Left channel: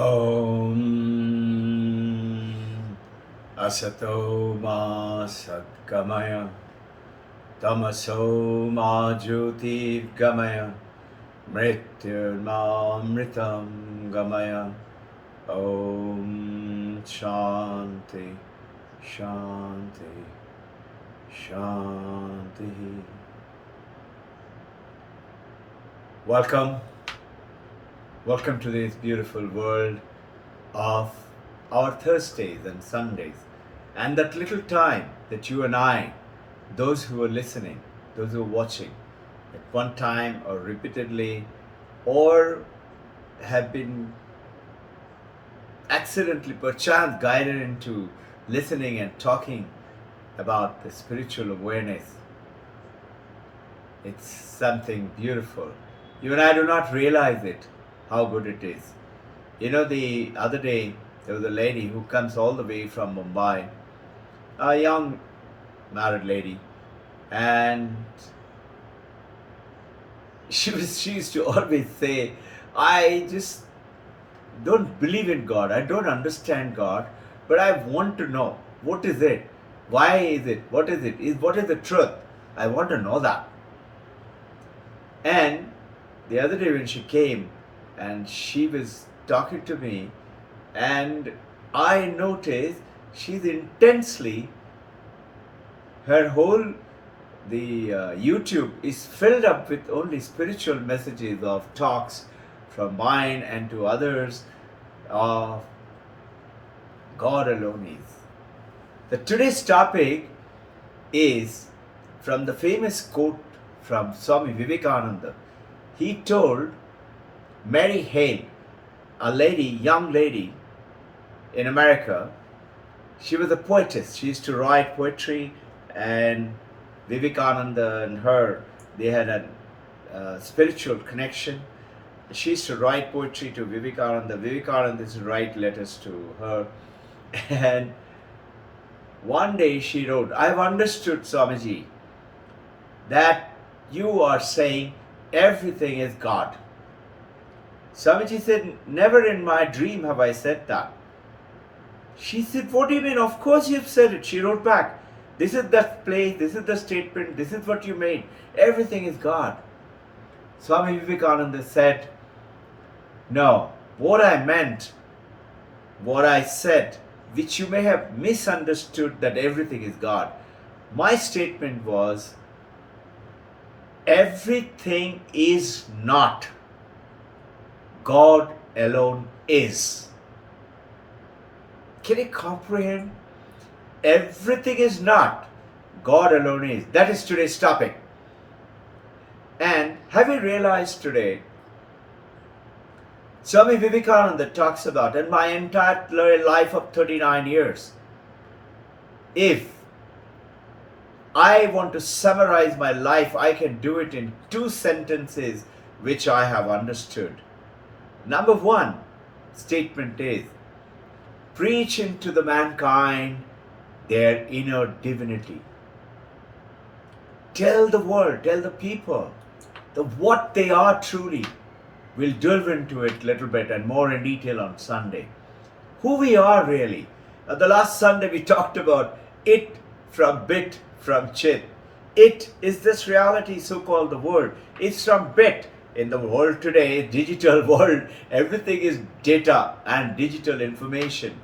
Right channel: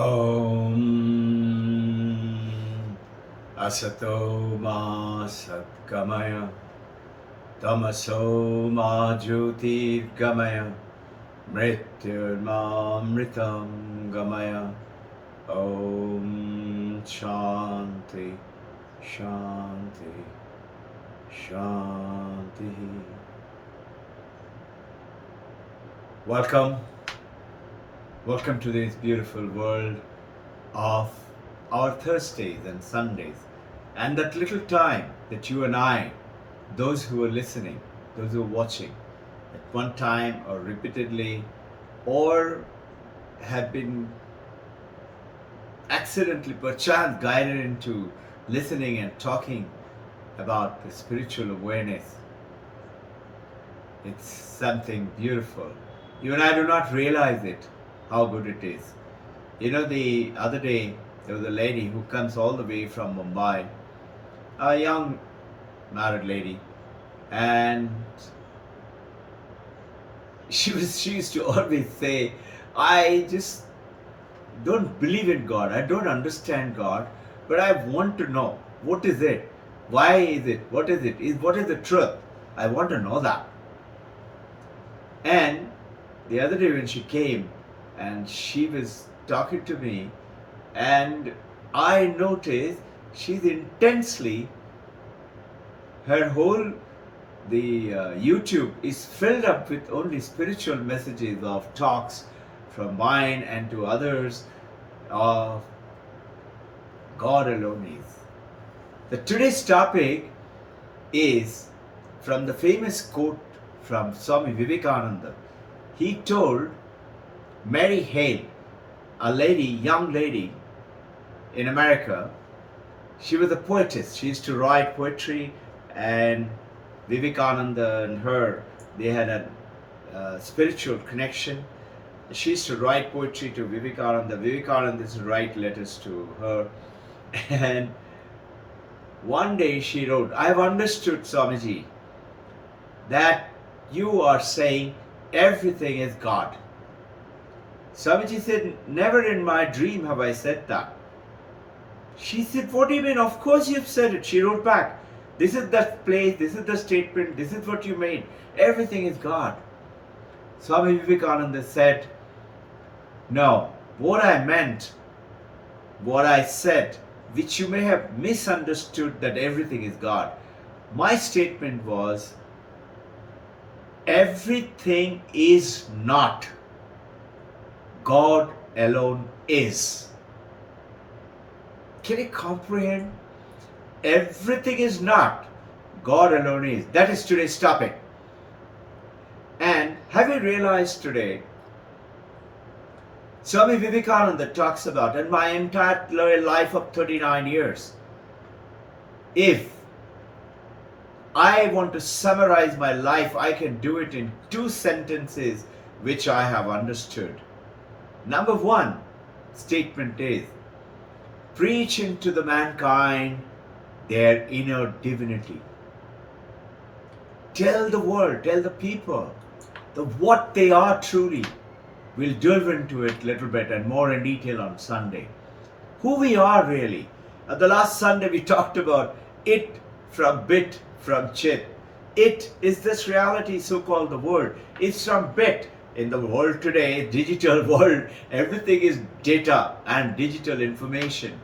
Om Asato Ma Satgamaya Tamaso Ma Jyotirgamaya Mrityurmamritam Gamaya. Om Shanti Shanti Shanti. Welcome to this beautiful world of our Thursdays and Sundays, and that little time that you and I, those who are listening, those who are watching, at one time or repeatedly, or have been accidentally, perchance, guided into listening and talking about the spiritual awareness. It's something beautiful. You and I do not realize it, how good it is. You know, the other day, there was a lady who comes all the way from Mumbai, a young married lady, and she used to always say, I just don't believe in God, I don't understand God, but I want to know, what is it? Why is it? What is it? What is the truth? I want to know that. And the other day when she came and she was talking to me, and I noticed she's intensely, her whole, the YouTube is filled up with only spiritual messages of talks from mine and to others of God alone is. The today's topic is from the famous quote from Swami Vivekananda. He told Mary Hale, a lady, young lady in America. She was a poetess. She used to write poetry, and Vivekananda and her, they had a spiritual connection. She used to write poetry to Vivekananda. Vivekananda used to write letters to her. And one day she wrote, I have understood, Swamiji, that you are saying everything is God. Swamiji said, never in my dream have I said that. She said, what do you mean? Of course you've said it. She wrote back, this is the place, this is the statement, this is what you made. Everything is God. Swami Vivekananda said, no, what I meant, what I said, which you may have misunderstood that everything is God. My statement was, everything is not. God alone is. Can you comprehend? Everything is not. God alone is. That is today's topic. And have you realized today, Swami Vivekananda talks about, in my entire life of 39 years, if I want to summarize my life, I can do it in 2 sentences which I have understood. Number 1 statement is, preaching to the mankind their inner divinity. Tell the world, tell the people what they are truly. We'll delve into it a little bit and more in detail on Sunday. Who we are really. The last Sunday we talked about it from bit, from chit. It is this reality, so-called the world. It's from bit. In the world today, digital world, everything is data and digital information.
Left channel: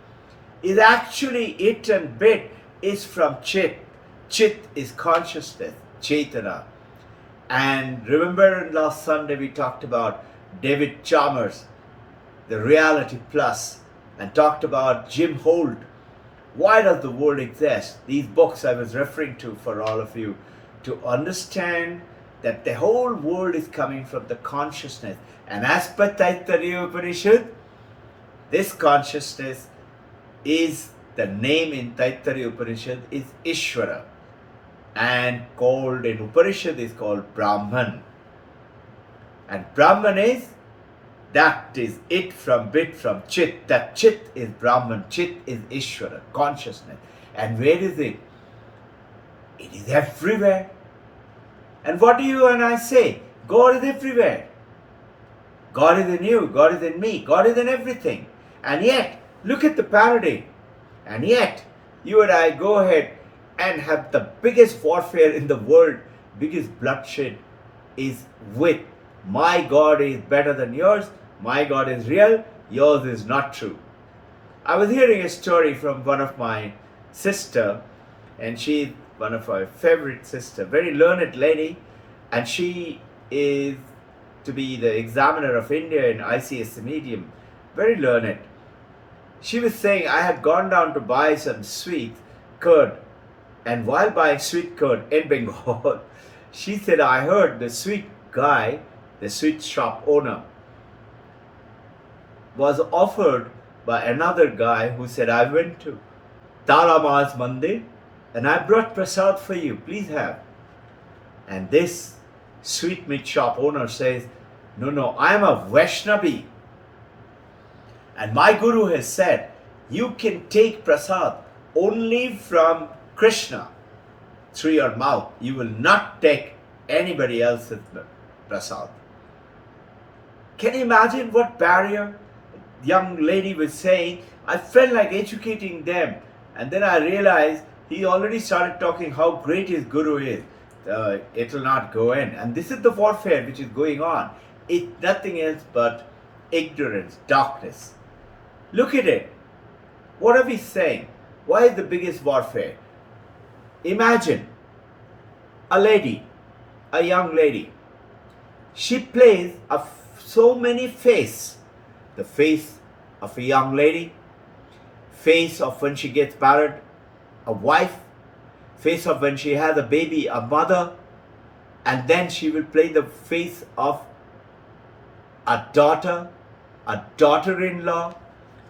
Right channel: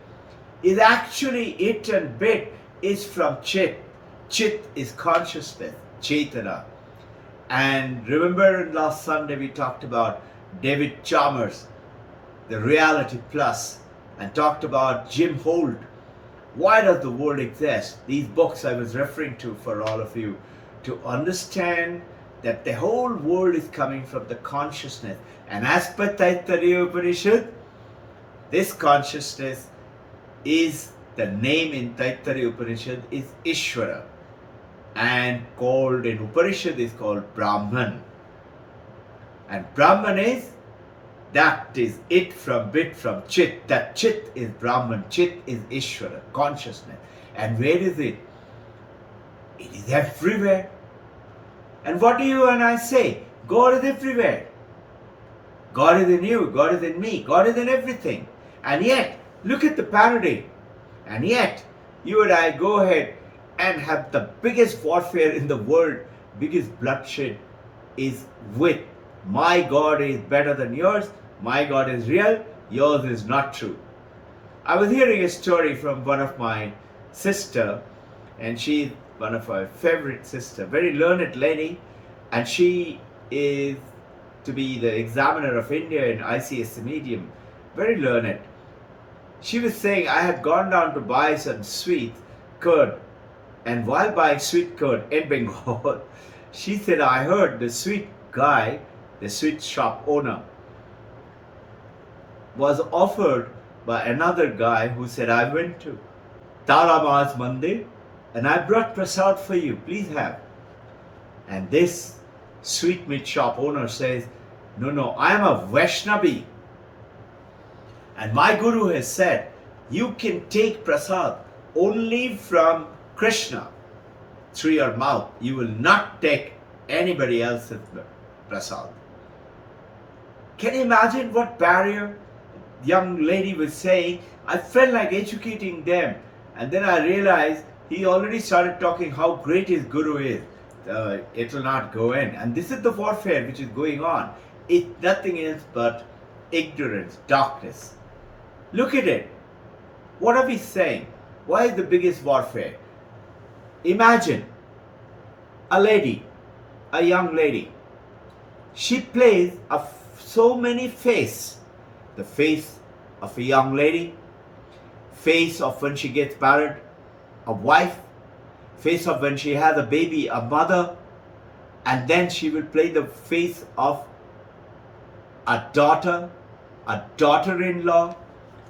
Is actually it, and bit is from chit. Chit is consciousness, Chaitana. And remember last Sunday we talked about David Chalmers, the Reality Plus, and talked about Jim Holt. Why does the world exist? These books I was referring to for all of you to understand that the whole world is coming from the consciousness. And as per Taittiriya Upanishad, this consciousness is, the name in Taittiriya Upanishad is Ishvara, and called in Upanishad is called Brahman. And Brahman is, that is it from bit, from chit. That chit is Brahman, chit is Ishvara, consciousness. And where is it? It is everywhere. And what do you and I say? God is everywhere. God is in you, God is in me, God is in everything. And yet, look at the paradigm. And yet, you and I go ahead and have the biggest warfare in the world, biggest bloodshed is with my God is better than yours, my God is real, yours is not true. I was hearing a story from one of my sister, and she's one of our favorite sister, very learned lady, and she is to be the examiner of India in ICS medium, very learned. She was saying, I had gone down to buy some sweet curd, and while buying sweet curd in Bengal, she said, I heard the sweet guy, the sweet shop owner, was offered by another guy who said, I went to Taramaz Mandir and I brought prasad for you, please have. And this sweet meat shop owner says, no, I am a Vaishnavi. And my guru has said, you can take prasad only from Krishna through your mouth. You will not take anybody else's prasad. Can you imagine what barrier? Young lady was saying, I felt like educating them. And then I realized he already started talking how great his guru is. It will not go in. And this is the warfare which is going on. It's nothing else but ignorance, darkness. Look at it. What are we saying? Why is the biggest warfare? Imagine a lady, a young lady. She plays so many faces. The face of a young lady, face of when she gets married, a wife, face of when she has a baby, a mother, and then she will play the face of a daughter-in-law.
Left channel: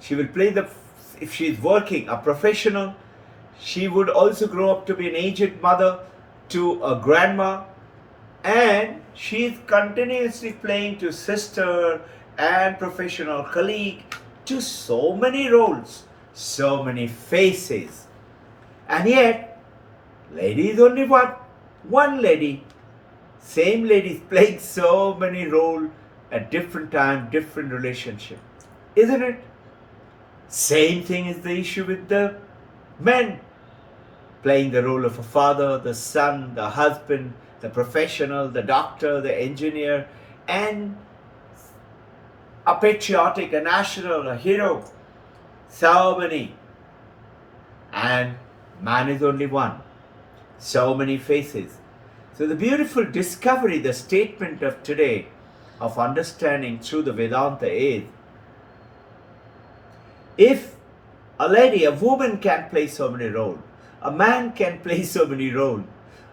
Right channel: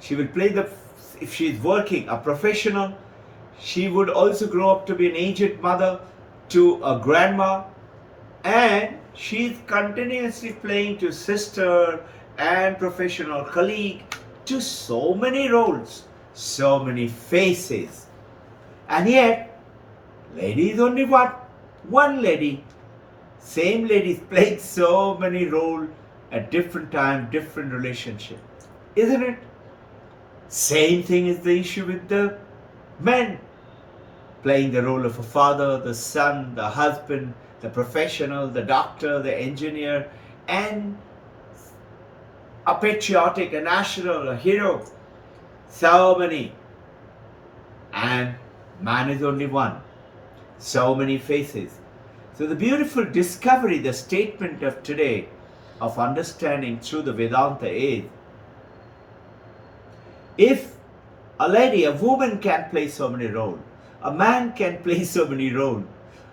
She will play if she is working, a professional. She would also grow up to be an aged mother to a grandma, and she is continuously playing to sister and professional colleague, to so many roles, so many faces. And yet, lady is only one lady. Same lady is playing so many roles at different time, different relationship. Isn't it? Same thing is the issue with the men. Playing the role of a father, the son, the husband, the professional, the doctor, the engineer, and a patriotic, a national, a hero. So many. And man is only one. So many faces. So the beautiful discovery, the statement of today of understanding through the Vedanta is, if a lady, a woman can play so many roles, a man can play so many roles,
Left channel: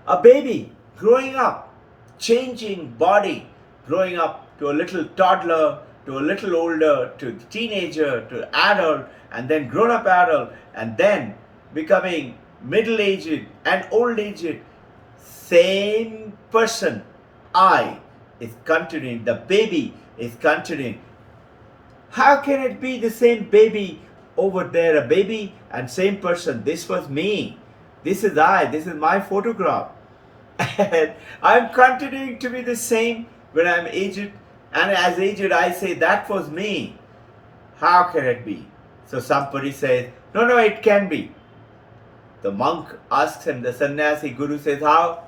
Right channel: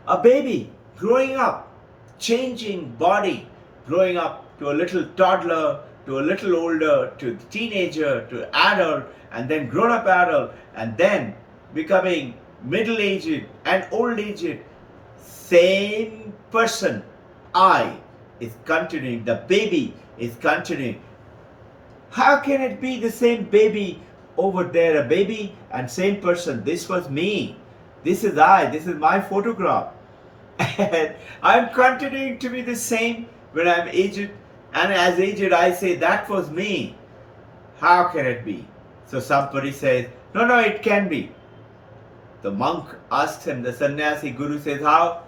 a baby growing up, changing body, growing up to a little toddler, to a little older, to teenager, to adult, and then grown-up adult, and then becoming middle-aged and old-aged, same person, I, is continuing, the baby is continuing. How can it be the same baby over there, a baby and same person? This was me. This is I. This is my photograph. And I'm continuing to be the same when I'm aged. And as aged, I say, that was me. How can it be? So somebody says, no, it can be. The monk asks him, the sannyasi guru says, how?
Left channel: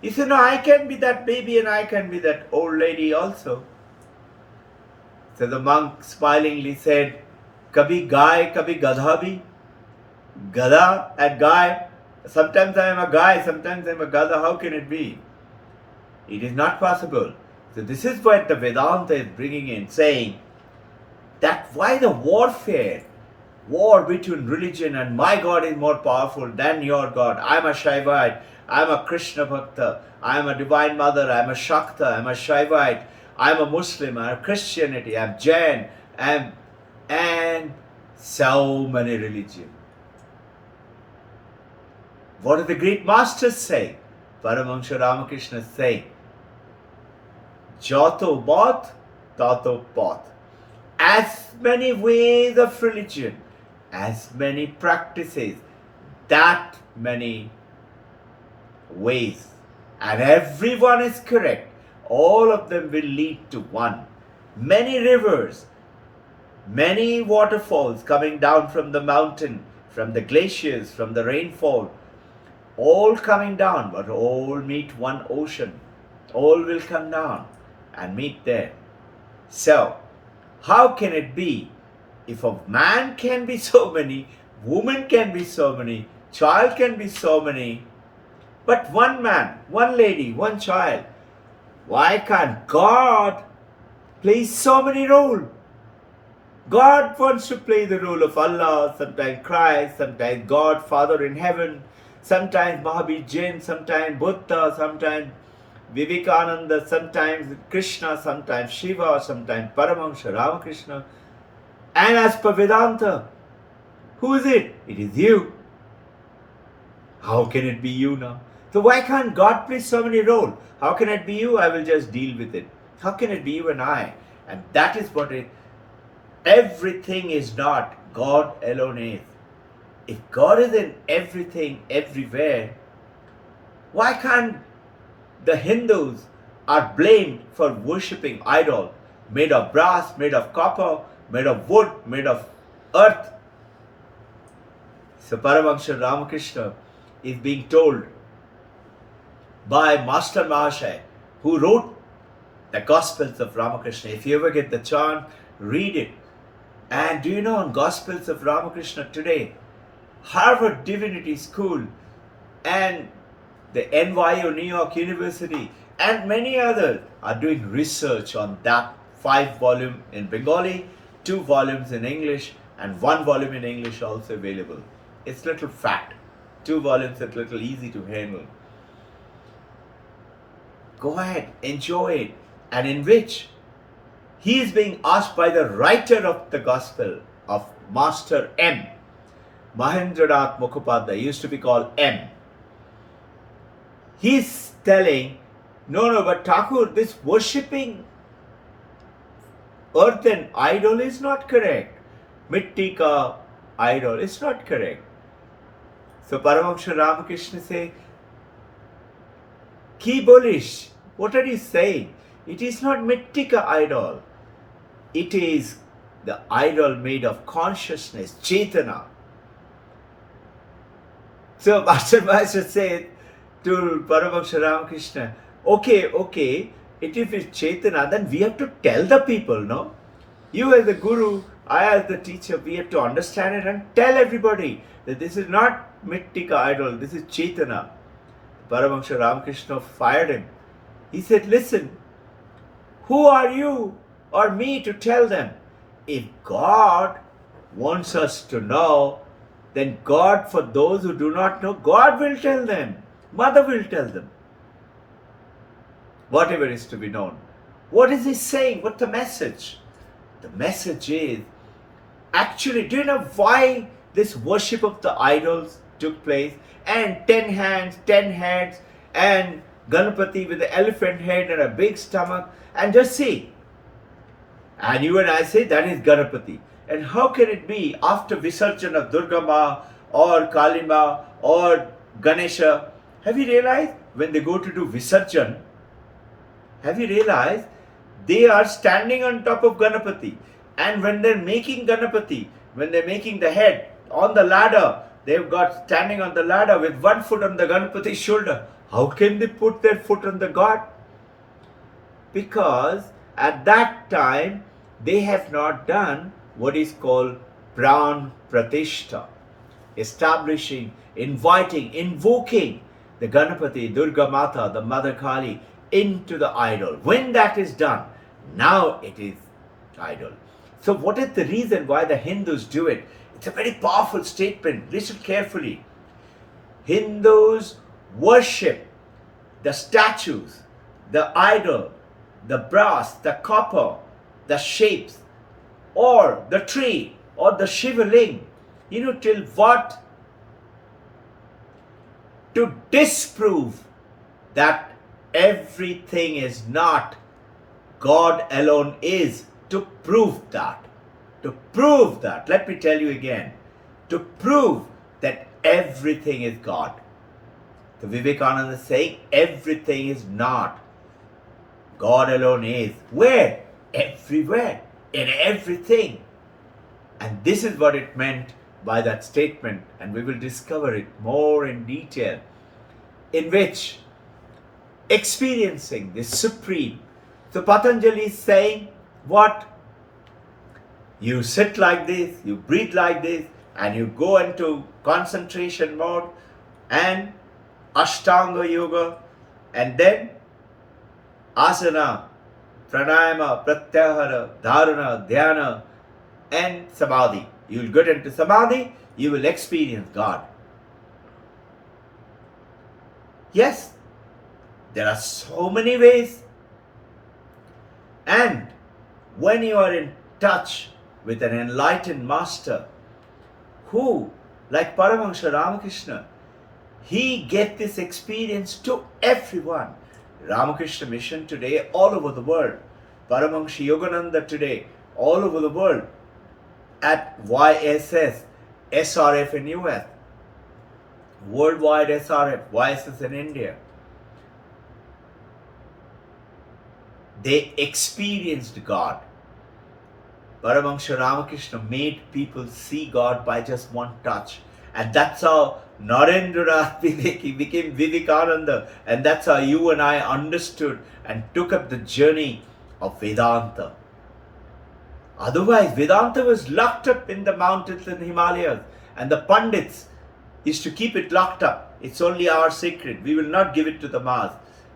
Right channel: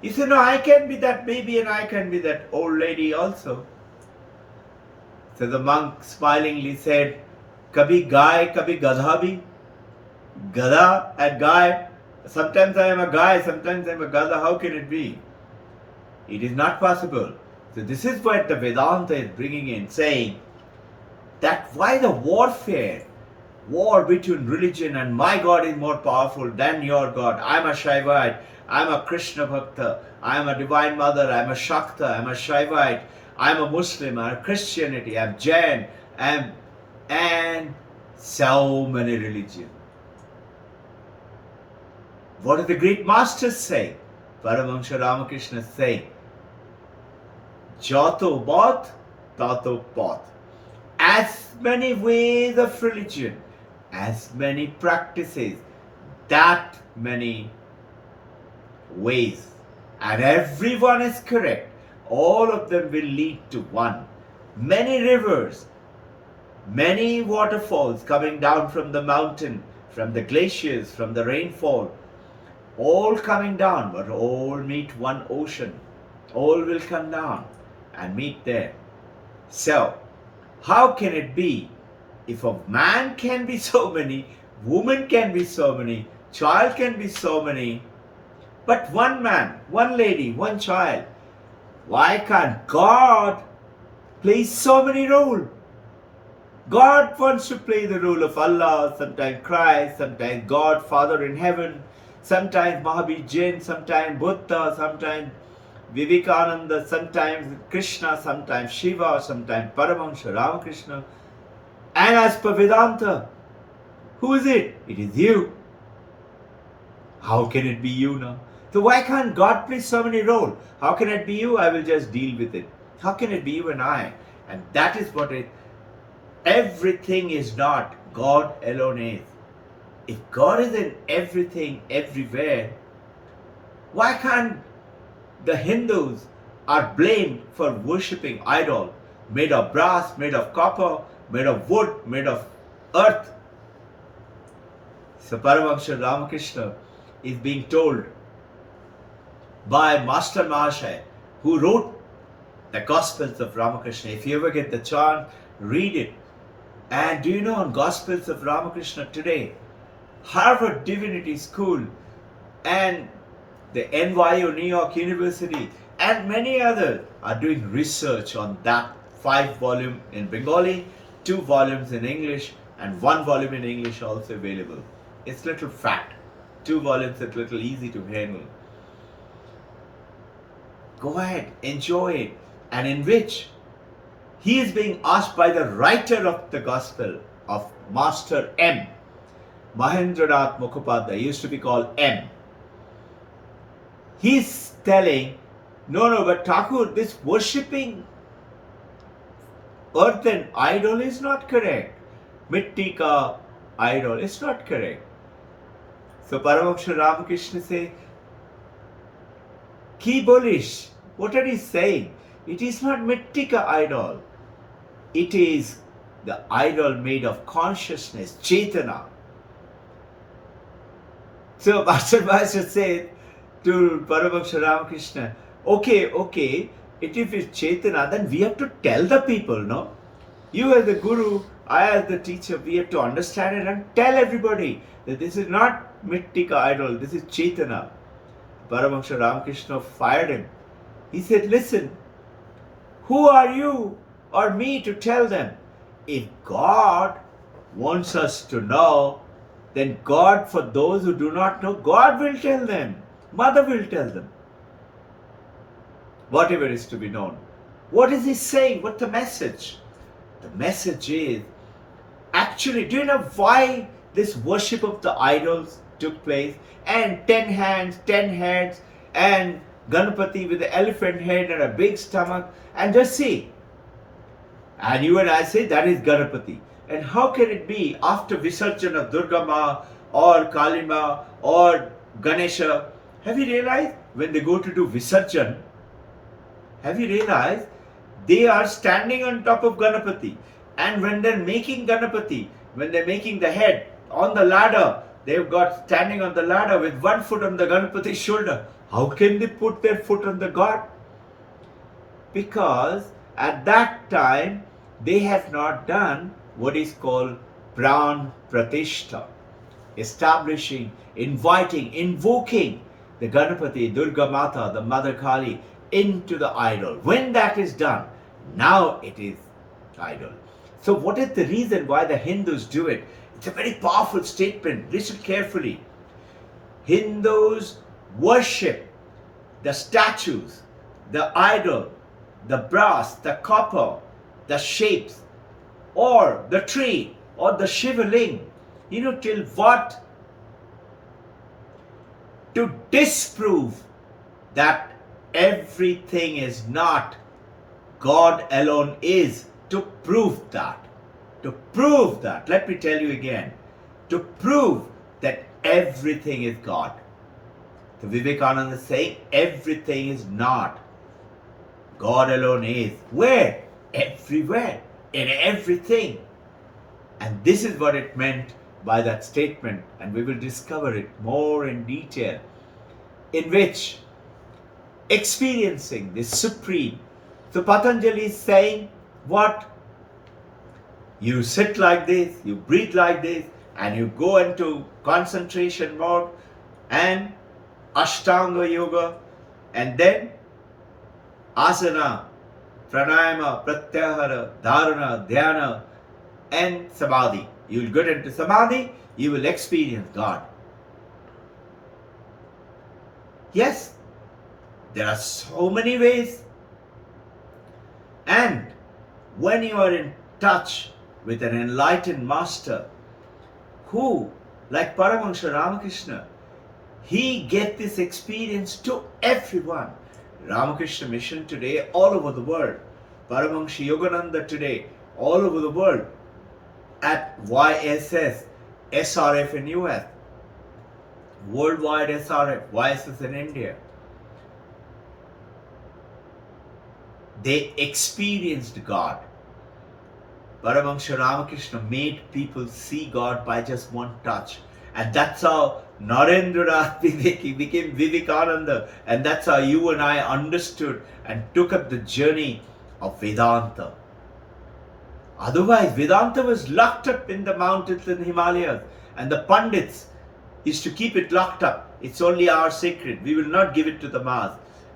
He said, no, I can be that baby and I can be that old lady also. So the monk smilingly said, Kabhi Gai, Kabhi Gadha bhi. Gada and Gai. Sometimes I am a guy, sometimes I am a Gada. How can it be? It is not possible. So this is what the Vedanta is bringing in, saying that why the warfare, war between religion and my God is more powerful than your God. I am a Shaivite, I am a Krishna Bhakta, I am a Divine Mother, I am a Shakta, I am a Shaivite, I am a Muslim, I am Christianity, I am Jain, and so many religions. What do the great masters say? Paramahansa Ramakrishna say, Jato Bhat, Tato Path. As many ways of religion, as many practices, that many ways. And everyone is correct. All of them will lead to one. Many rivers, Many waterfalls coming down from the mountain, from the glaciers, from the rainfall, all coming down, but all meet one ocean. All will come down and meet there. So, how can it be if a man can be so many, woman can be so many, child can be so many, but one man, one lady, one child? Why can't God play so many roles? God wants to play the role of Allah, sometimes Christ, sometimes God, Father in heaven, sometimes Mahavir Jain, sometimes Buddha, sometimes Vivekananda, sometimes Krishna, sometimes Shiva, sometimes Paramahansa Ramakrishna. And as per Vedanta, who is it? It is you. How can it be you now? So why can't God play so many roles? How can it be you? I will just deal with it. How can it be you and I? And that is what it. Everything is not. God alone is. If God is in everything, everywhere, why can't the Hindus are blamed for worshipping idol made of brass, made of copper, made of wood, made of earth? So Paramahansa Ramakrishna is being told by Master Mahasaya, who wrote the Gospels of Ramakrishna. If you ever get the chance, read it. And do you know, on Gospels of Ramakrishna today, Harvard Divinity School and the NYU, New York University, and many others are doing research on that 5-volume in Bengali, 2 volumes in English, and 1 volume in English also available. It's little fat. 2 volumes are little easy to handle. Go ahead, enjoy it, and in which he is being asked by the writer of the Gospel of Master M. Mahendranath Mukhopadhyay, used to be called M. He's telling, no, but Thakur, this worshipping earthen idol is not correct. Mitti ka idol is not correct. So Paramahansa Ramakrishna say, Ki bolish? What are you saying? It is not mitti ka idol. It is the idol made of consciousness, Chaitana. So Master Master said to Paramahansa Ramakrishna, okay, if it's Chaitana, then we have to tell the people, no? You as the guru, I as the teacher, we have to understand it and tell everybody that this is not Mittika idol, this is Chaitana. Paramahansa Ramakrishna fired him. He said, listen, who are you or me to tell them? If God wants us to know, then God, for those who do not know, God will tell them. Mother will tell them. Whatever is to be known. What is he saying? What's the message? The message is, actually, do you know why this worship of the idols took place? And 10 hands, 10 heads, and Ganapati with the elephant head and a big stomach. And just see. And you and I say that is Ganapati. And how can it be after Visarjan of Durga Ma or Kali Ma or Ganesha? Have you realized when they go to do Visarjan, have you realized they are standing on top of Ganapati? And when they're making Ganapati, when they're making the head on the ladder, they've got standing on the ladder with 1 foot on the Ganapati's shoulder. How can they put their foot on the God? Because at that time, they have not done what is called Pran Pratishta, establishing, inviting, invoking the Ganapati, Durga Mata, the Mother Kali into the idol. When that is done, now it is idol. So what is the reason why the Hindus do it? It's a very powerful statement. Listen carefully. Hindus worship the statues, the idol, the brass, the copper, the shapes, or the tree, or the Shivaling. You know, till what? To disprove that everything is not, God alone is. To prove that. To prove that. Let me tell you again. To prove that everything is God. So Vivekananda is saying everything is not. God alone is. Where? Everywhere. In everything. And this is what it meant by that statement, and we will discover it more in detail, in which experiencing the supreme. So Patanjali is saying, what? You sit like this, you breathe like this, and you go into concentration mode and Ashtanga Yoga, and then asana, pranayama, pratyahara, dharana, dhyana, and samadhi. You will get into samadhi, you will experience God. Yes, there are so many ways. And when you are in touch with an enlightened master who, like Paramahansa Ramakrishna, he gets this experience to everyone. Ramakrishna Mission today all over the world. Paramahansa Yogananda today all over the world. At YSS, SRF in US, worldwide SRF, YSS in India. They experienced God. Paramahansa Ramakrishna made people see God by just one touch. And that's how Narendra became Vivekananda. And that's how you and I understood and took up the journey of Vedanta. Otherwise, Vedanta was locked up in the mountains and Himalayas. And the Pandits used to keep it locked up. It's only our secret. We will not give it to the mass.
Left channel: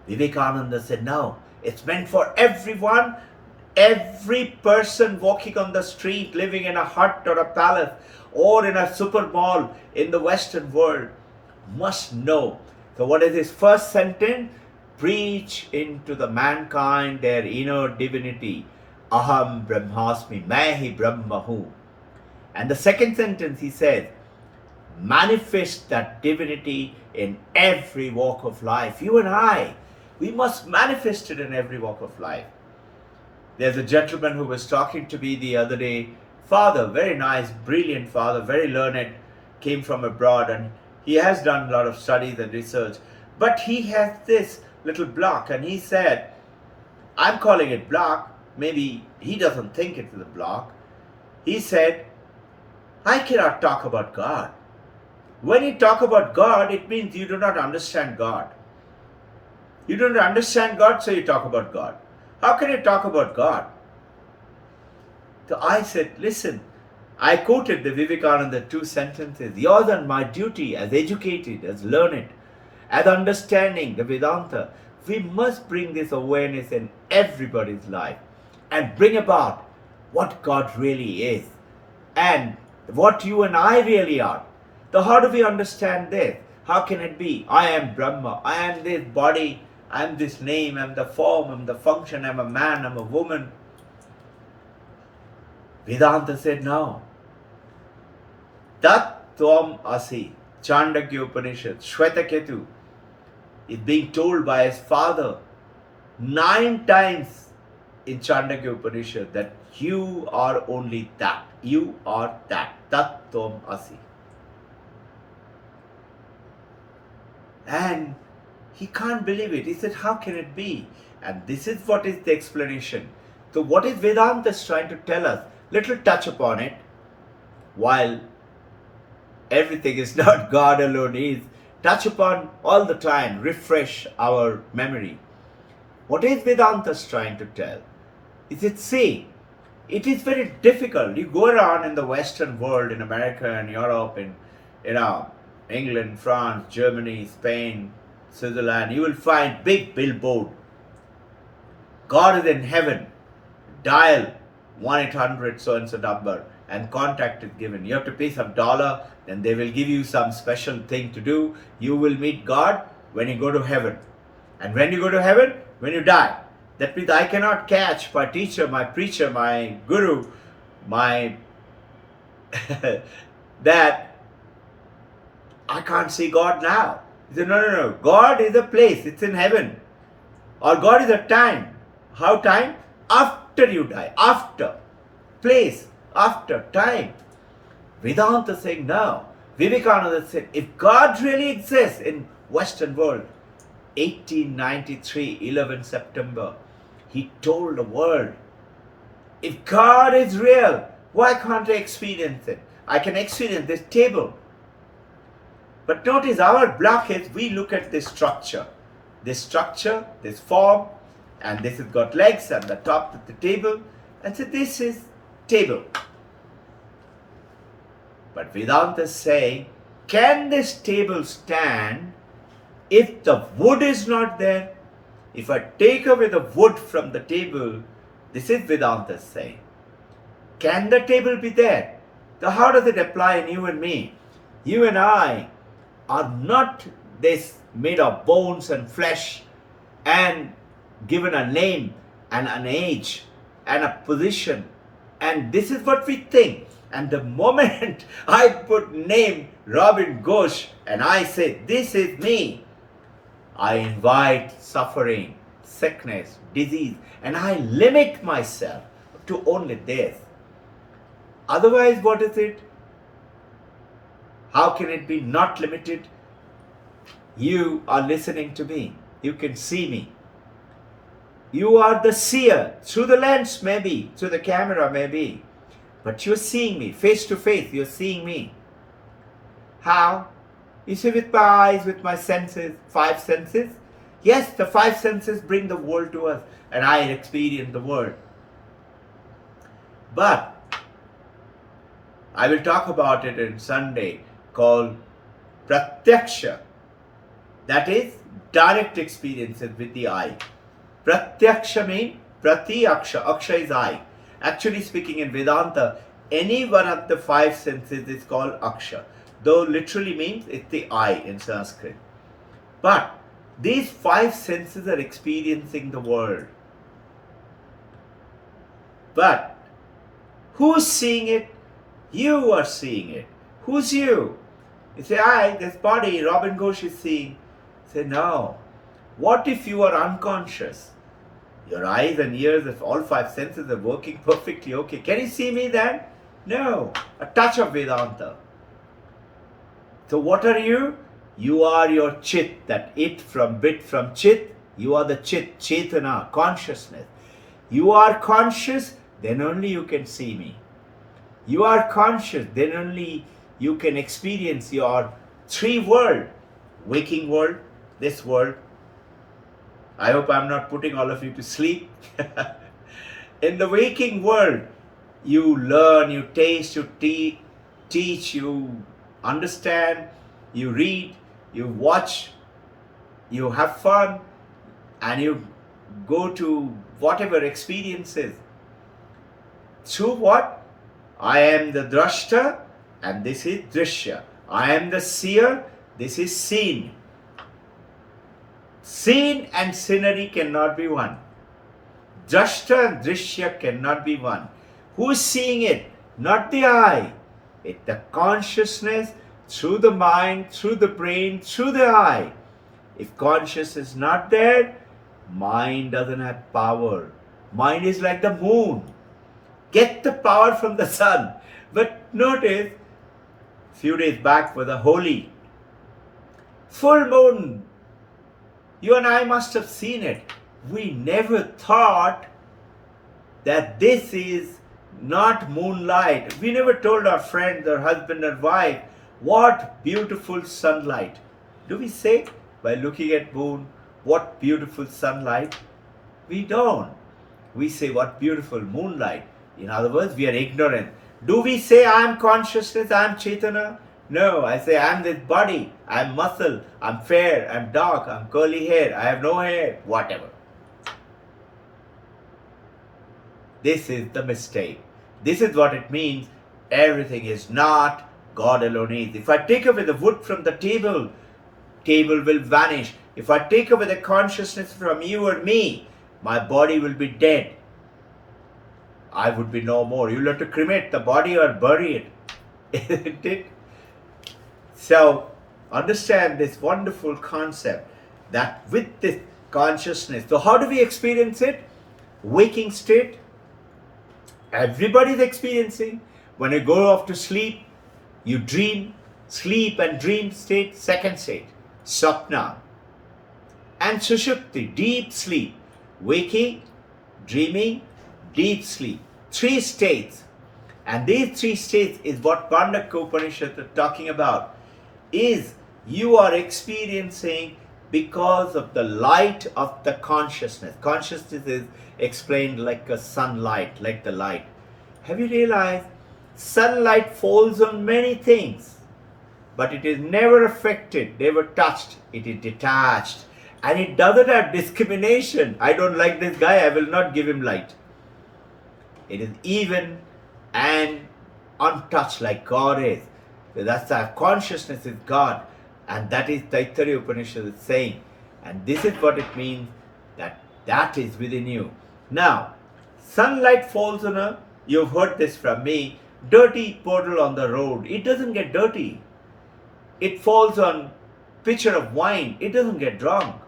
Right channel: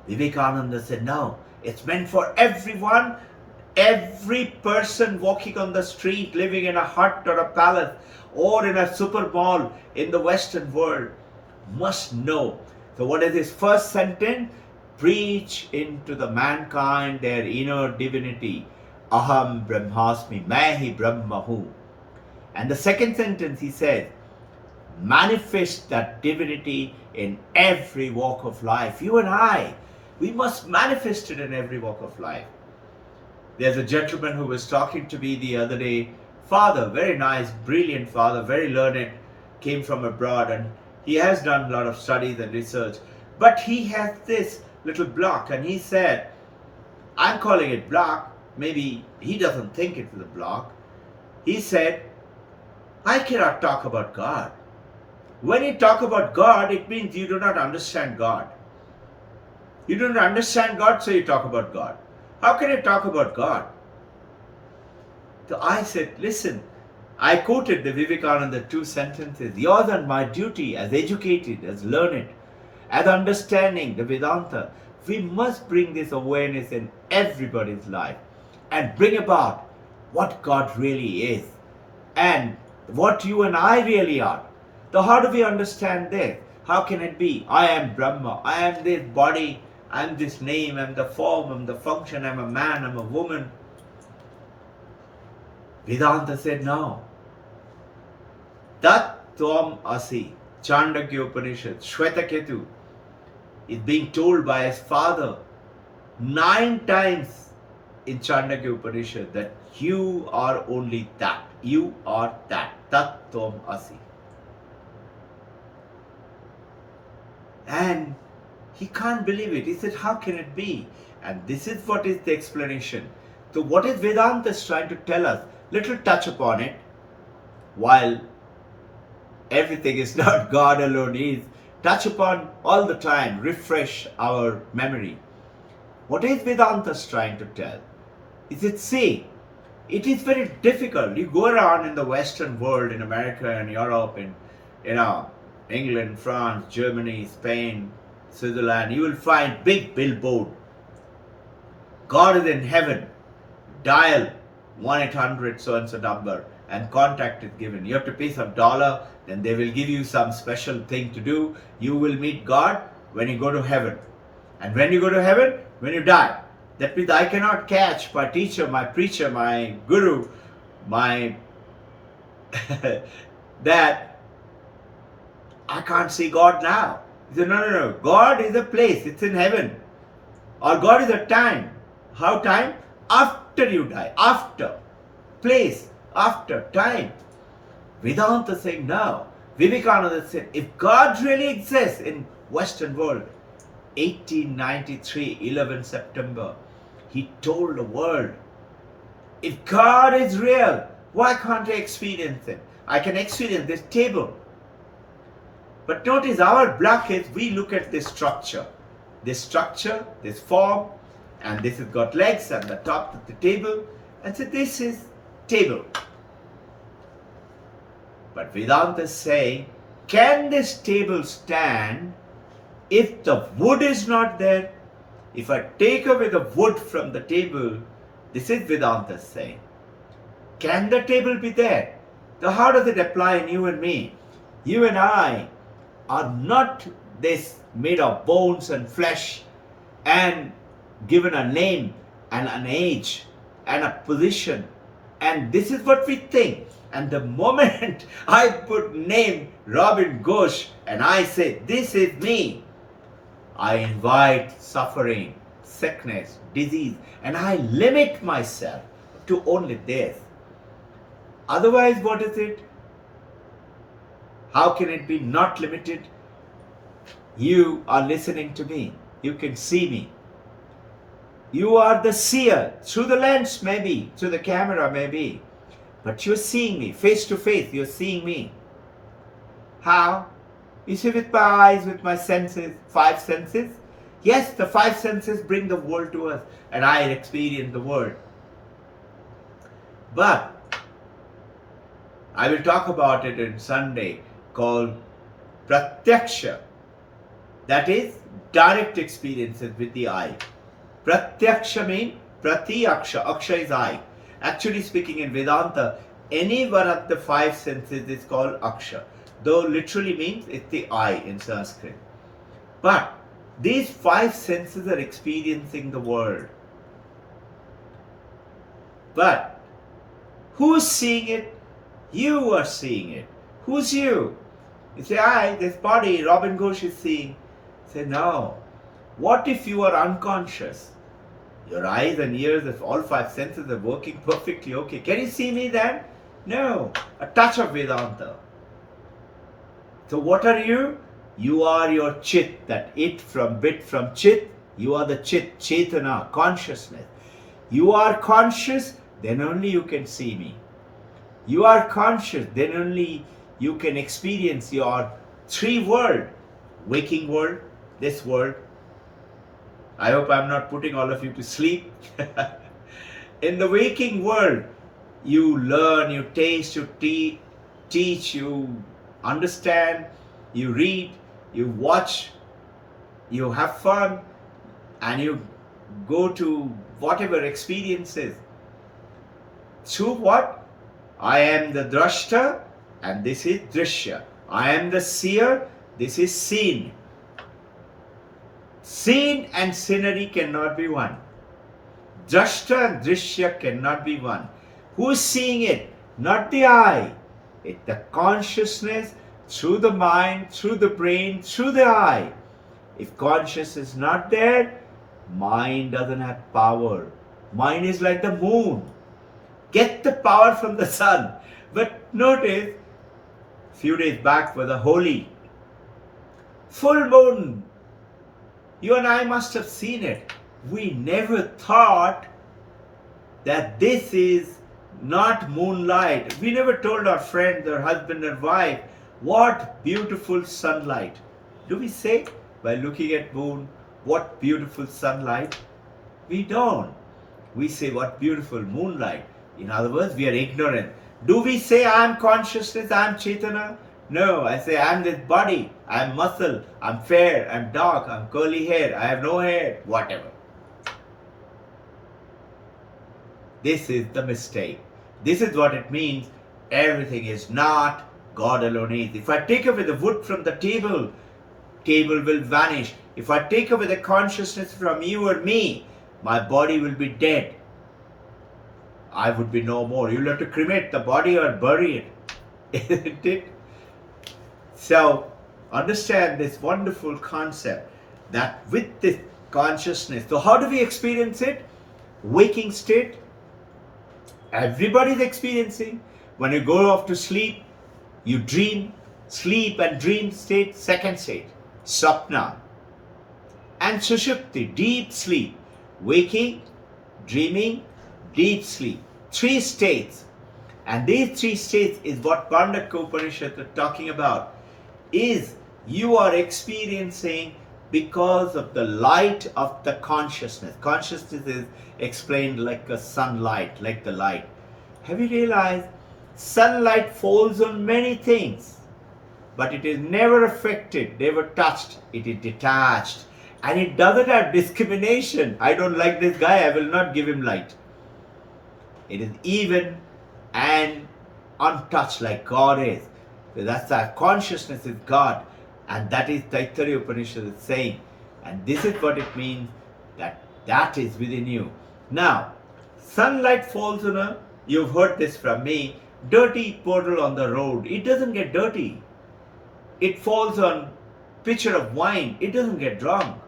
Vivekananda said, no, it's meant for everyone. Every person walking on the street, living in a hut or a palace or in a super mall in the Western world must know. So what is his first sentence? Preach into the mankind their inner divinity. Aham Brahmasmi, Main hi Brahma hu. And the second sentence he says, manifest that divinity in every walk of life. You and I, we must manifest it in every walk of life. There's a gentleman who was talking to me the other day, father, very nice, brilliant father, very learned, came from abroad, and he has done a lot of studies and research, but he has this little block, and he said, I'm calling it block, maybe he doesn't think it's a block. He said, I cannot talk about God. When you talk about God, it means you do not understand God. You don't understand God, so you talk about God. How can you talk about God? So I said, listen, I quoted the Vivekananda 2 sentences. Yours and my duty as educated, as learned, as understanding the Vedanta, we must bring this awareness in everybody's life and bring about what God really is and what you and I really are. So how do we understand this? How can it be? I am Brahma, I am this body, I am this name, I am the form, I am the function, I am a man, I am a woman. Vedanta said no. Tat Tvam Asi, Chandogya Upanishad, Shwetaketu is being told by his father 9 times in Chandogya Upanishad that you are only that. You are that. Tat Tvam Asi. And he can't believe it. He said, how can it be? And this is what is the explanation. So what is Vedanta trying to tell us? Little touch upon it. While everything is not God alone is, touch upon all the time, refresh our memory. What is Vedanta trying to tell? Is it saying, it is very difficult. You go around in the Western world, in America and Europe, in England, France, Germany, Spain, Switzerland, you will find big billboard. God is in heaven. Dial 1-800 so-and-so number and contact is given. You have to pay some dollar, then they will give you some special thing to do. You will meet God when you go to heaven. And when you go to heaven, when you die. That means I cannot catch my teacher, my preacher, my guru, my that I can't see God now. He said, no. God is a place. It's in heaven. Or God is a time. How time? After you die. After. Place. After. Time. Vedanta saying no. Vivekananda said, if God really exists in Western world, 1893, 11 September, he told the world, if God is real, Why can't I experience it? I can experience this table. But notice our block is we look at this structure, this form, and this has got legs and the top of the table, and so this is table. But Vedanta is saying, can this table stand if the wood is not there? If I take away the wood from the table, this is Vedanta saying, can the table be there? So how does it apply in you and me? You and I are not this made of bones and flesh and given a name and an age and a position, and this is what we think. And the moment I put name Robbin Ghosh and I say this is me, I invite suffering, sickness, disease, and I limit myself to only this. Otherwise, what is it? How can it be not limited? You are listening to me. You can see me. You are the seer, through the lens maybe, through the camera maybe. But you're seeing me, face to face, you're seeing me. How? You see, with my eyes, with my senses, 5 senses. Yes, the 5 senses bring the world to us, and I experience the world. But I will talk about it in Sunday, called Pratyaksha. That is direct experiences with the eye. Pratyaksha means Prati Aksha. Aksha is eye. Actually speaking, in Vedanta, any one of the 5 senses is called Aksha, though literally means it's the eye in Sanskrit. But these 5 senses are experiencing the world. But who's seeing it? You are seeing it. Who's you? You say, I, this body, Robbin Ghosh is seeing. Say, no. What if you are unconscious? Your eyes and ears, if all 5 senses are working perfectly okay. Can you see me then? No. A touch of Vedanta. So what are you? You are your chit, that it from bit from chit. You are the chit, chetana, consciousness. You are conscious, then only you can see me. You are conscious, then only you can experience your 3 world. Waking world, this world. I hope I'm not putting all of you to sleep. In the waking world, you learn, you taste, you teach, you understand, you read, you watch, you have fun, and you go to whatever experiences. Through what? I am the drashta, and this is drishya. I am the seer, this is seen. Seen and scenery cannot be one. Drashta and drishya cannot be one. Who is seeing it? Not the eye. It's the consciousness through the mind, through the brain, through the eye. If consciousness is not there, mind doesn't have power. Mind is like the moon. Get the power from the sun. But notice, a few days back was a holy full moon. You and I must have seen it. We never thought that this is not moonlight. We never told our friends, our husband or wife, what beautiful sunlight. Do we say by looking at moon, what beautiful sunlight? We don't. We say, what beautiful moonlight. In other words, we are ignorant. Do we say, I am consciousness, I am Chaitanya? No, I say, I am this body, I am muscle, I am fair, I am dark, I am curly hair, I have no hair, whatever. This is the mistake. This is what it means. Everything is not, God alone is. If I take away the wood from the table, table will vanish. If I take away the consciousness from you or me, my body will be dead. I would be no more. You'll have to cremate the body or bury it. Isn't it? So, understand this wonderful concept that with this consciousness, so how do we experience it? Waking state. Everybody is experiencing. When you go off to sleep, you dream, sleep and dream state, second state, sapna. And sushupti, deep sleep, waking, dreaming, deep sleep. 3 states. And these three states is what Kandaka Upanishad is talking about, is you are experiencing because of the light of the consciousness. Consciousness is explained like a sunlight, like the light. Have you realized sunlight falls on many things, but it is never affected, never touched. It is detached. And it doesn't have discrimination. I don't like this guy, I will not give him light. It is even and untouched like God is. So that's our consciousness is God. And that is Taittiriya Upanishad is saying. And this is what it means, that that is within you. Now, sunlight falls on a, you've heard this from me, dirty puddle on the road. It doesn't get dirty. It falls on pitcher of wine. It doesn't get drunk.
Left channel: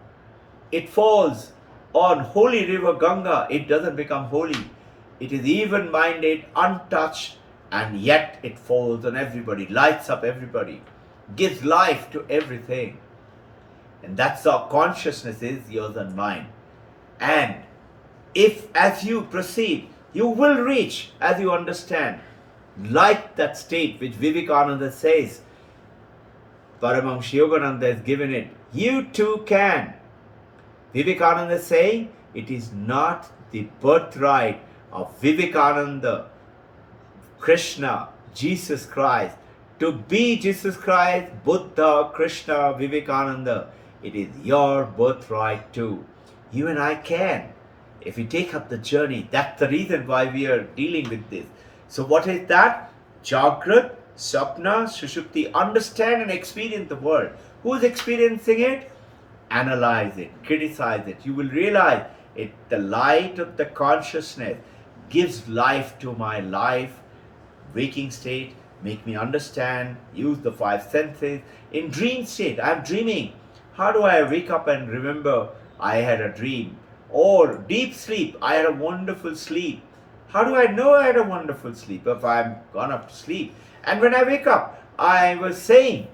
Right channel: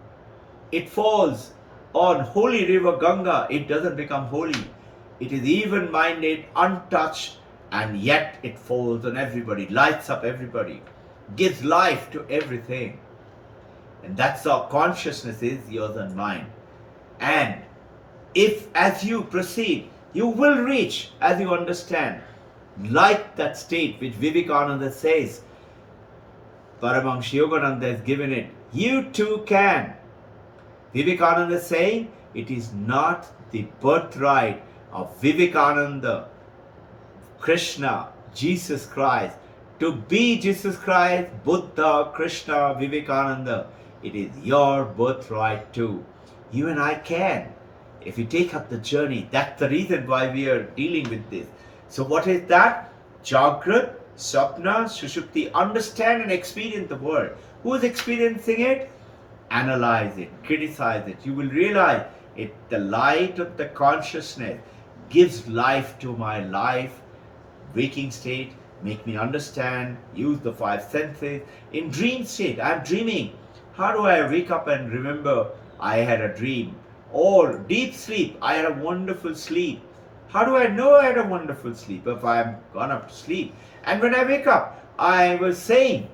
It falls on holy river Ganga. It doesn't become holy. It is even-minded, untouched, and yet it falls on everybody, lights up everybody, gives life to everything. And that's how consciousness is, yours and mine. And if as you proceed, you will reach, as you understand, like that state which Vivekananda says, Paramahansa Yogananda has given it, you too can. Vivekananda is saying it is not the birthright of Vivekananda, Krishna, Jesus Christ, to be Jesus Christ, Buddha, Krishna, Vivekananda. It is your birthright too. You and I can. If we take up the journey, that's the reason why we are dealing with this. So what is that? Jagrat, Sapna, Sushupti. Understand and experience the world. Who is experiencing it? Analyze it, criticize it. You will realize it. The light of the consciousness gives life to my life, waking state, make me understand, use the five senses. In dream state, I'm dreaming. How do I wake up and remember I had a dream? Or deep sleep, I had a wonderful sleep. How do I know I had a wonderful sleep if I'm gone up to sleep? And when I wake up, I was saying,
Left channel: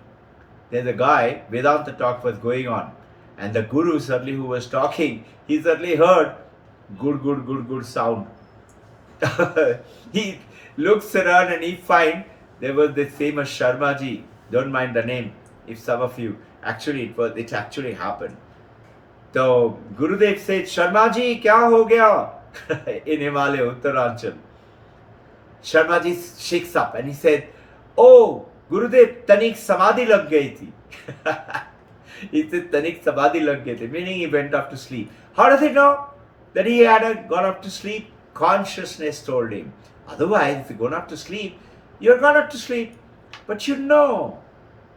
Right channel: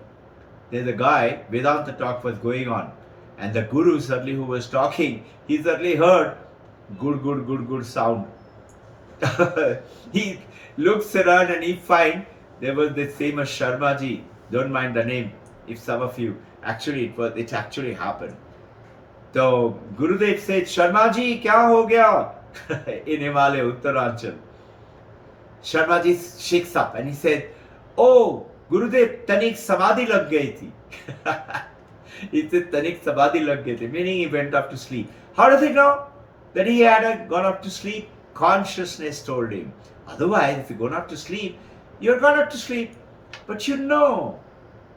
there's a guy, Vedanta talk was going on. And the guru suddenly who was talking, he suddenly heard good sound. He looks around and he finds there was this famous Sharmaji. Don't mind the name, if some of you, actually it actually happened. So Gurudev said, Sharmaji, kya ho gaya? In Himalaya, Uttaranchal. Sharmaji shakes up and he said, oh, Gurudev, tanik samadhi lag gayi thi. He said, tanik samadhi lag gayi thi, meaning he went up to sleep. How does he know that he had gone up to sleep? Consciousness told him. Otherwise, if you gone up to sleep, you're gone up to sleep. But you know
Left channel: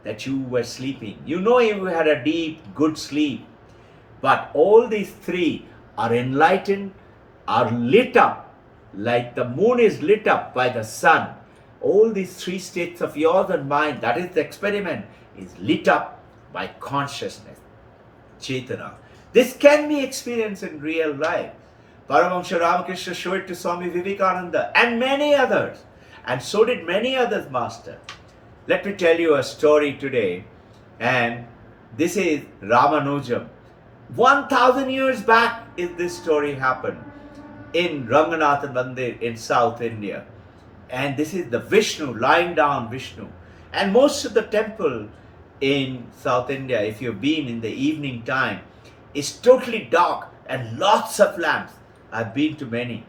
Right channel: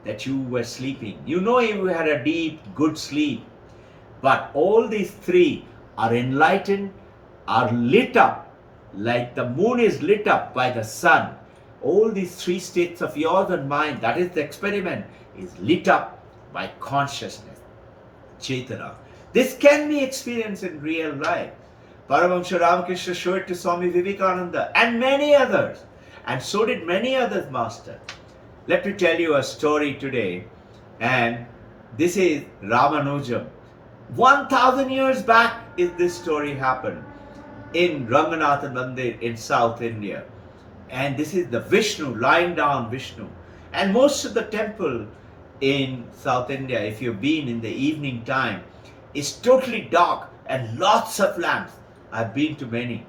that you were sleeping. You know you had a deep, good sleep. But all these three are enlightened, are lit up, like the moon is lit up by the sun. All these three states of yours and mine, that is the experiment, is lit up by consciousness, Chaitana. This can be experienced in real life. Paramahansa Ramakrishna showed it to Swami Vivekananda and many others. And so did many others, Master. Let me tell you a story today. And this is Ramanujam. 1000 years back is this story happened in Ranganatha Mandir in South India. And this is the Vishnu, lying down Vishnu. And most of the temple in South India, if you've been in the evening time, is totally dark and lots of lamps. I've been to many.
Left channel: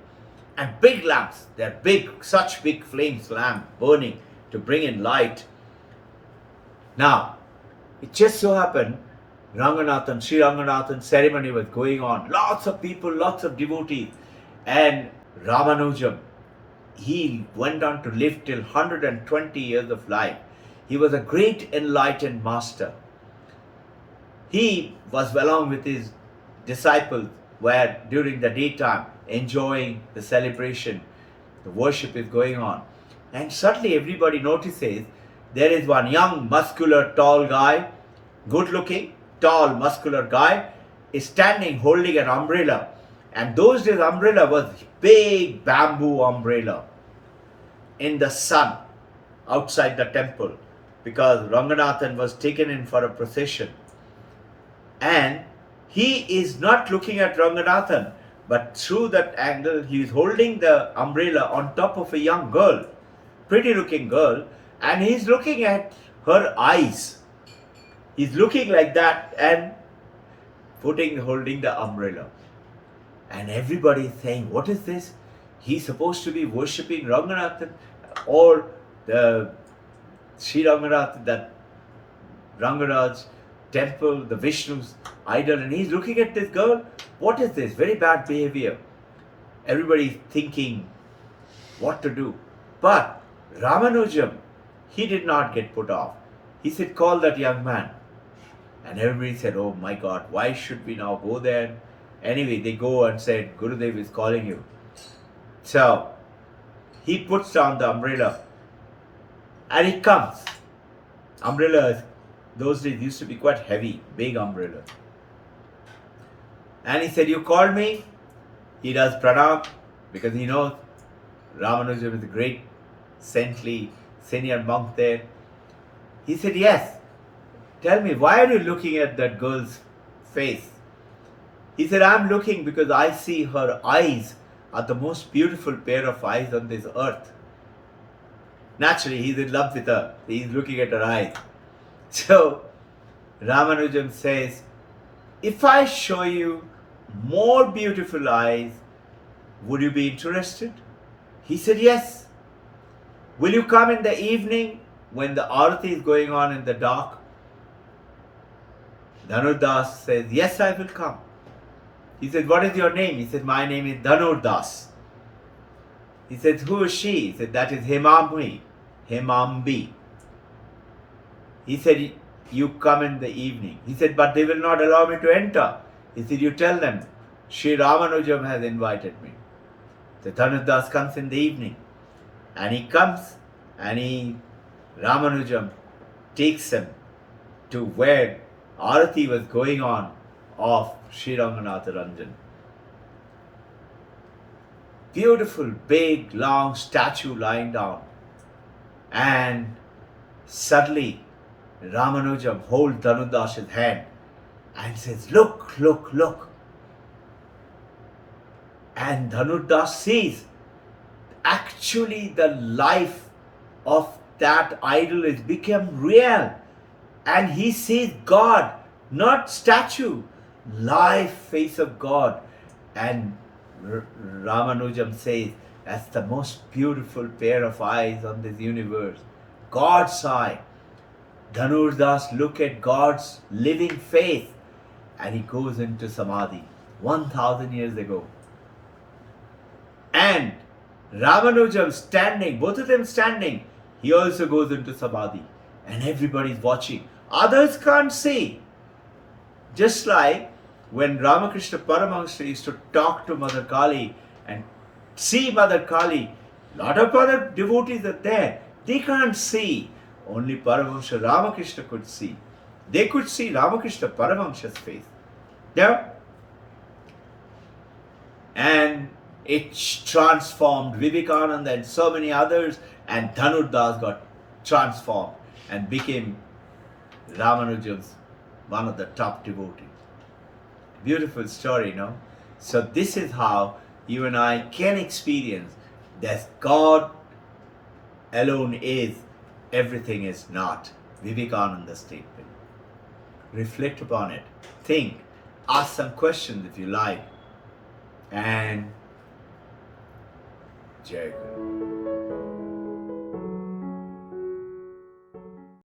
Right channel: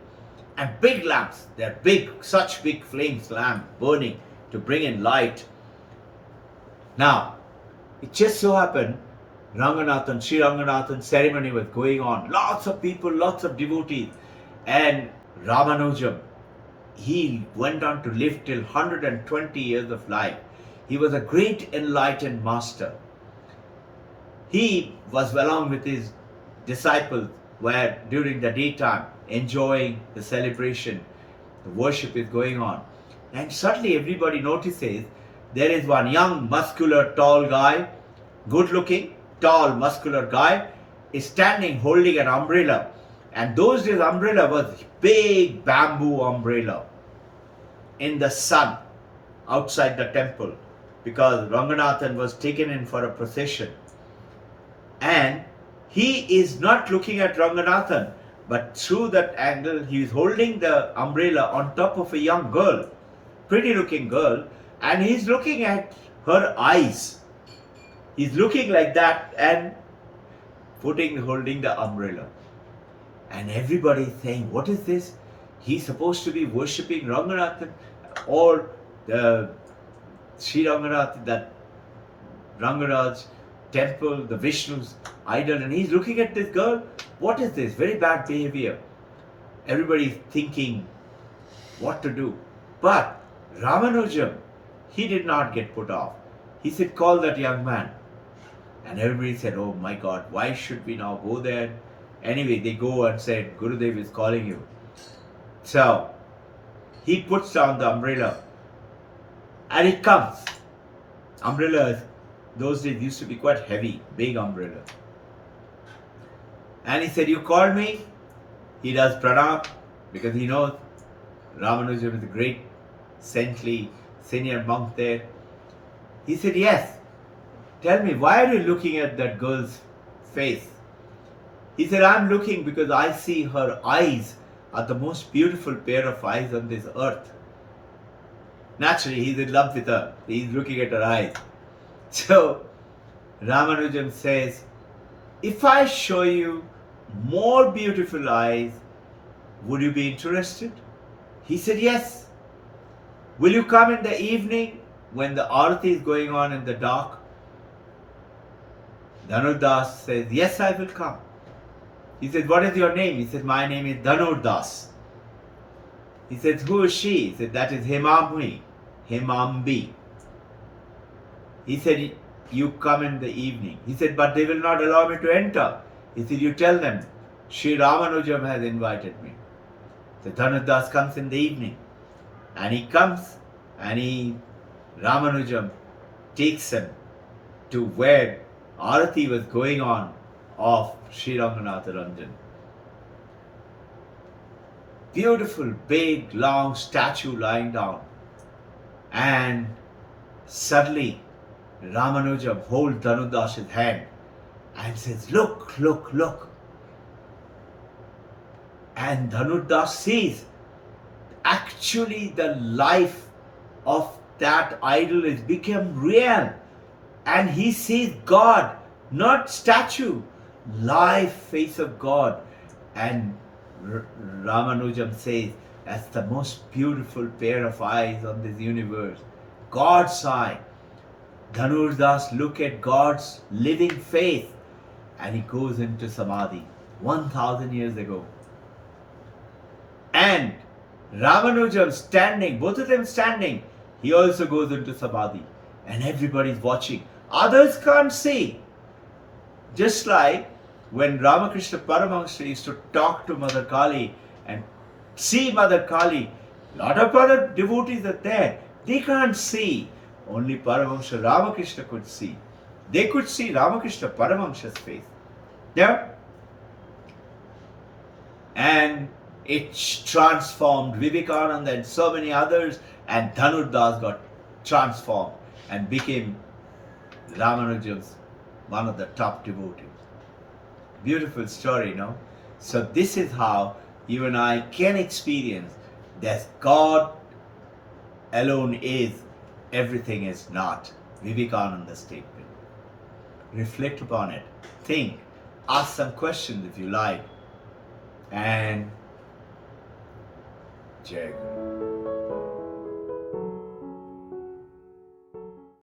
And big lamps, they're big, such big flames, lamp burning to bring in light. Now, it just so happened, Sri Ranganathan ceremony was going on. Lots of people, lots of devotees. And Ramanujam, he went on to live till 120 years of life. He was a great enlightened master. He was along with his disciples where during the daytime enjoying the celebration, the worship is going on. And suddenly everybody notices there is one young, muscular, tall guy, good looking, tall, muscular guy, is standing holding an umbrella. And those days umbrella was big bamboo umbrella in the sun outside the temple, because Ranganathan was taken in for a procession. And he is not looking at Ranganathan, but through that angle he is holding the umbrella on top of a young girl. pretty looking girl, and he's looking at her eyes. He's looking like that and holding the umbrella. And everybody is saying, what is this? He's supposed to be worshipping Ranganathan or the Sri Ranganath, that Rangaraj temple, the Vishnu's idol, and he's looking at this girl. What is this? Very bad behavior. Everybody's thinking what to do. But Ramanujam, he did not get put off. He said, call that young man. And everybody said, oh my God, why should we now go there? Anyway, they go and said, Gurudev is calling you. So he puts down the umbrella and he comes. Umbrellas, those days used to be quite heavy, big umbrella. And he said, you called me? He does pranam because he knows Ramanujam is a great saintly senior monk there. He said, yes. Tell me, why are you looking at that girl's face? He said, I'm looking because I see her eyes are the most beautiful pair of eyes on this earth. Naturally, he's in love with her. He's looking at her eyes. So, Ramanujam says, if I show you more beautiful eyes, would you be interested? He said, yes. Will you come in the evening when the arati is going on in the dark? Dhanurdas says, yes, I will come. He said, what is your name? He said, my name is Dhanurdas. He said, who is she? He said, that is Hemambi. He said, you come in the evening. He said, but they will not allow me to enter. He said, you tell them, Sri Ramanujam has invited me. So Dhanurdas comes in the evening. And he comes and Ramanujam takes him to where Arati was going on of Sri Ranganatha Ranjan. Beautiful, big, long statue lying down. And suddenly Ramanujam holds Dhanurdas's hand and says, look, look, look. And Dhanurdas sees actually the life of that idol has become real. And he sees God, not statue, live face of God. And Ramanujam says, that's the most beautiful pair of eyes on this universe. God's eye. Dhanurdas look at God's living face and he goes into Samadhi 1000 years ago. And Ramanujam standing, both of them standing, he also goes into Samadhi. And everybody's watching. Others can't see. Just like when Ramakrishna Paramahansa used to talk to Mother Kali and see Mother Kali, a lot of other devotees are there. They can't see. Only Paramahansa Ramakrishna could see. They could see Ramakrishna Paramahansa's face. Yeah? And it transformed Vivekananda and so many others, and Dhanurdas got transformed and became Ramanujam's one of the top devotees. Beautiful story, no? So this is how you and I can experience that God alone is, everything is not. Vivekananda's statement. Reflect upon it. Think. Ask some questions if you like. And Jai Guru.